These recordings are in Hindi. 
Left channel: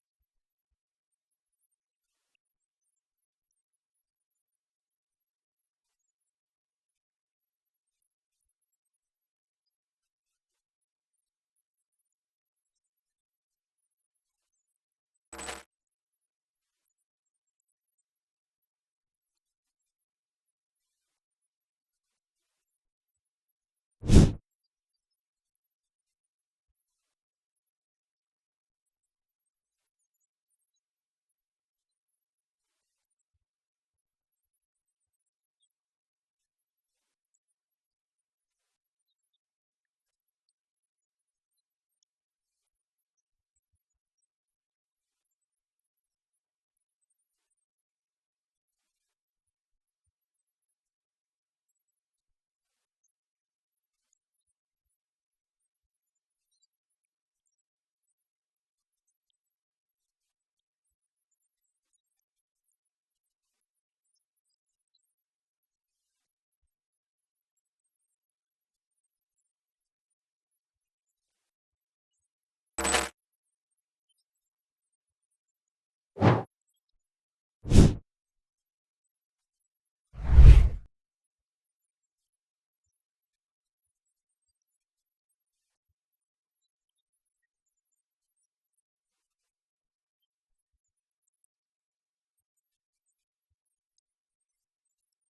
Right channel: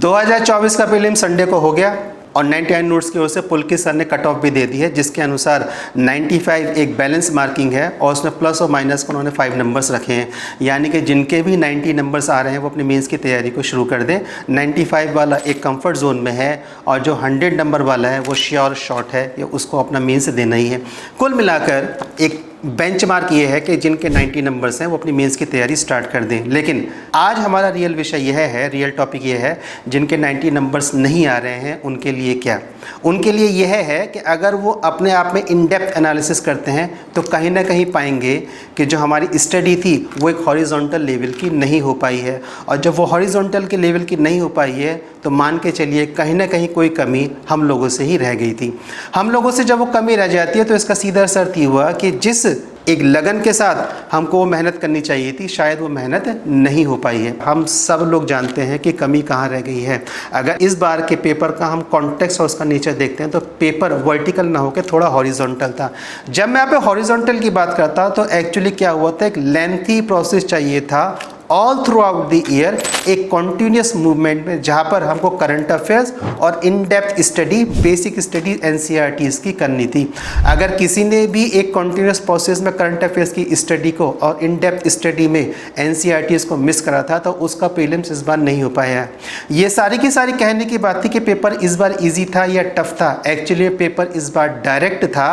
2024 का प्रीलिम संडे को हो गया और 99 नोट्स की ओर से पुलकित सर ने कट ऑफ भी दे दी है, जिसके अनुसार 95 एक बैलेंस मार्किंग है और उसमें प्लस और माइनस को उन्होंने 5 नंबर्स रखे हैं। यानी कि जिनके भी 90 नंबर्स आ रहे हैं वो अपनी मेंस की तैयारी को शुरू कर दें। 95 वाला एक कंफर्ट जोन में है और जो 100 नंबर वाला है वो श्योर शॉट है, ये उसको अपना मेंस देना ही है। कुल मिलाकर एक बेंचमार्क ये है कि जिनके 90 नंबर्स हैं वो अपनी मेंस की तैयारी स्टार्ट कर दें। लेकिन आज हमारा रियल विषय यह है, रियल टॉपिक ये है, जिनके 90 नंबर्स नहीं आ रहे हैं उनके लिए क्या। उनके लिए यह है कि अगर वो अपने आप में इन डेप्थ एनालिसिस करते हैं तो कहीं ना कहीं पाएंगे कि जो हमारी स्टडी थी वो एक हॉरिजॉन्टल लेवल की नहीं हो पाई है, और जब वो हॉरिजॉन्टल के लेवल की नहीं हो पाई है तो मान के चलिए कहीं ना कहीं कोई कमी हम लोगों से ही रह गई थी। हम लोगों से जब वो कमी रह जाती है तो इसका सीधा असर ये हुआ कि जिस एक लगन के साथ हमको वो मेहनत करनी चाहिए थी, शायद वो मेहनत नहीं हो पाई है। हम सब लोग जानते हैं कि कमी कहाँ रह गई है। अगर इस बार के पेपर का हम कॉन्टेक्स्ट और उसका नेचर देखते हैं तो पेपर वर्टिकल ना होकर थोड़ा हॉरिजॉन्टल था। जब मैं यहाँ पे हॉरिजॉन्टल की बात करता हूँ तो एक्चुअली क्या हुआ था, एक लेंथी प्रोसेस चाहिए था all through out the year, एक कॉन्टिन्यूस मूवमेंट में, जहाँ पर हमको करंट अफेयर्स और in depth study, basic study NCERTs की करनी थी। अगर किसी ने भी एक कॉन्टिन्यूस प्रोसेस में करंट अफेयर्स की स्टडी को और इन डेप्थ स्टडी में एनसीईआरटीज को मिस करा था तो उसका प्रीलिम्स इस बार नहीं हो पाया है। ये सारी की सारी कहने की बात थी कि पेपर इस बार ईजी था या टफ था। एक्चुअली पेपर इस बार डायरेक्ट था।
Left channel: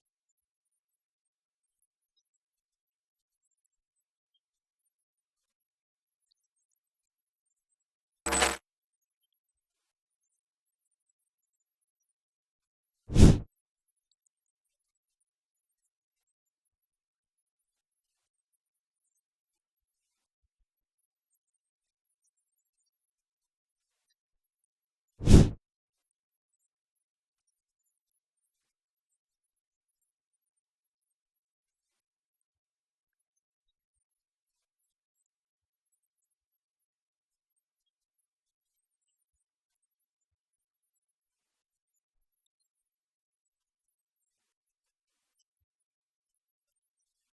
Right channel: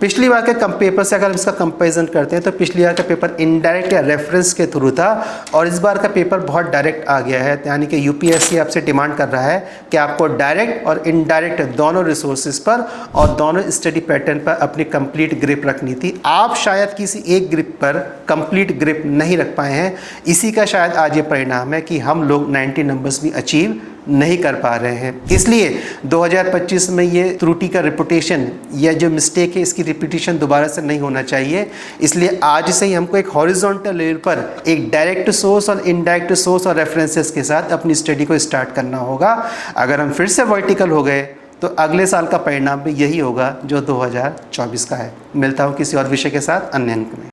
पिछली बार के पेपर से अगर इसका कंपेरिजन करते हैं तो पिछली बार का पेपर इनडायरेक्ट या रेफरेंस के थ्रू था और इस बार का पेपर बहुत डायरेक्ट आ गया है। यानी कि यूपीएससी आपसे डिमांड कर रहा है कि आपको डायरेक्ट और इनडायरेक्ट दोनों रिसोर्सेज पर और दोनों स्टडी पैटर्न पर अपनी कंप्लीट ग्रिप रखनी थी। आप शायद किसी एक ग्रिप पर कंप्लीट ग्रिप नहीं रख पाए हैं, इसी का शायद आज ये परिणाम है कि हम लोग 90 नंबर्स भी अचीव नहीं कर पा रहे हैं। इसलिए 2025 में ये त्रुटि का रिपुटेशन या जो मिस्टेक है इसकी रिपीटिशन दोबारा से नहीं होना चाहिए। इसलिए आज से ही हमको एक हॉरिजॉन्टल लेवल पर एक डायरेक्ट सोर्स और इनडायरेक्ट सोर्स और रेफरेंसेस के साथ अपनी स्टडी को स्टार्ट करना होगा। अगर हम फिर से वर्टिकल हो गए तो अगले साल का परिणाम भी यही होगा जो 2024 का है। मिलता हूँ किसी और विषय के साथ अन्य अंक में।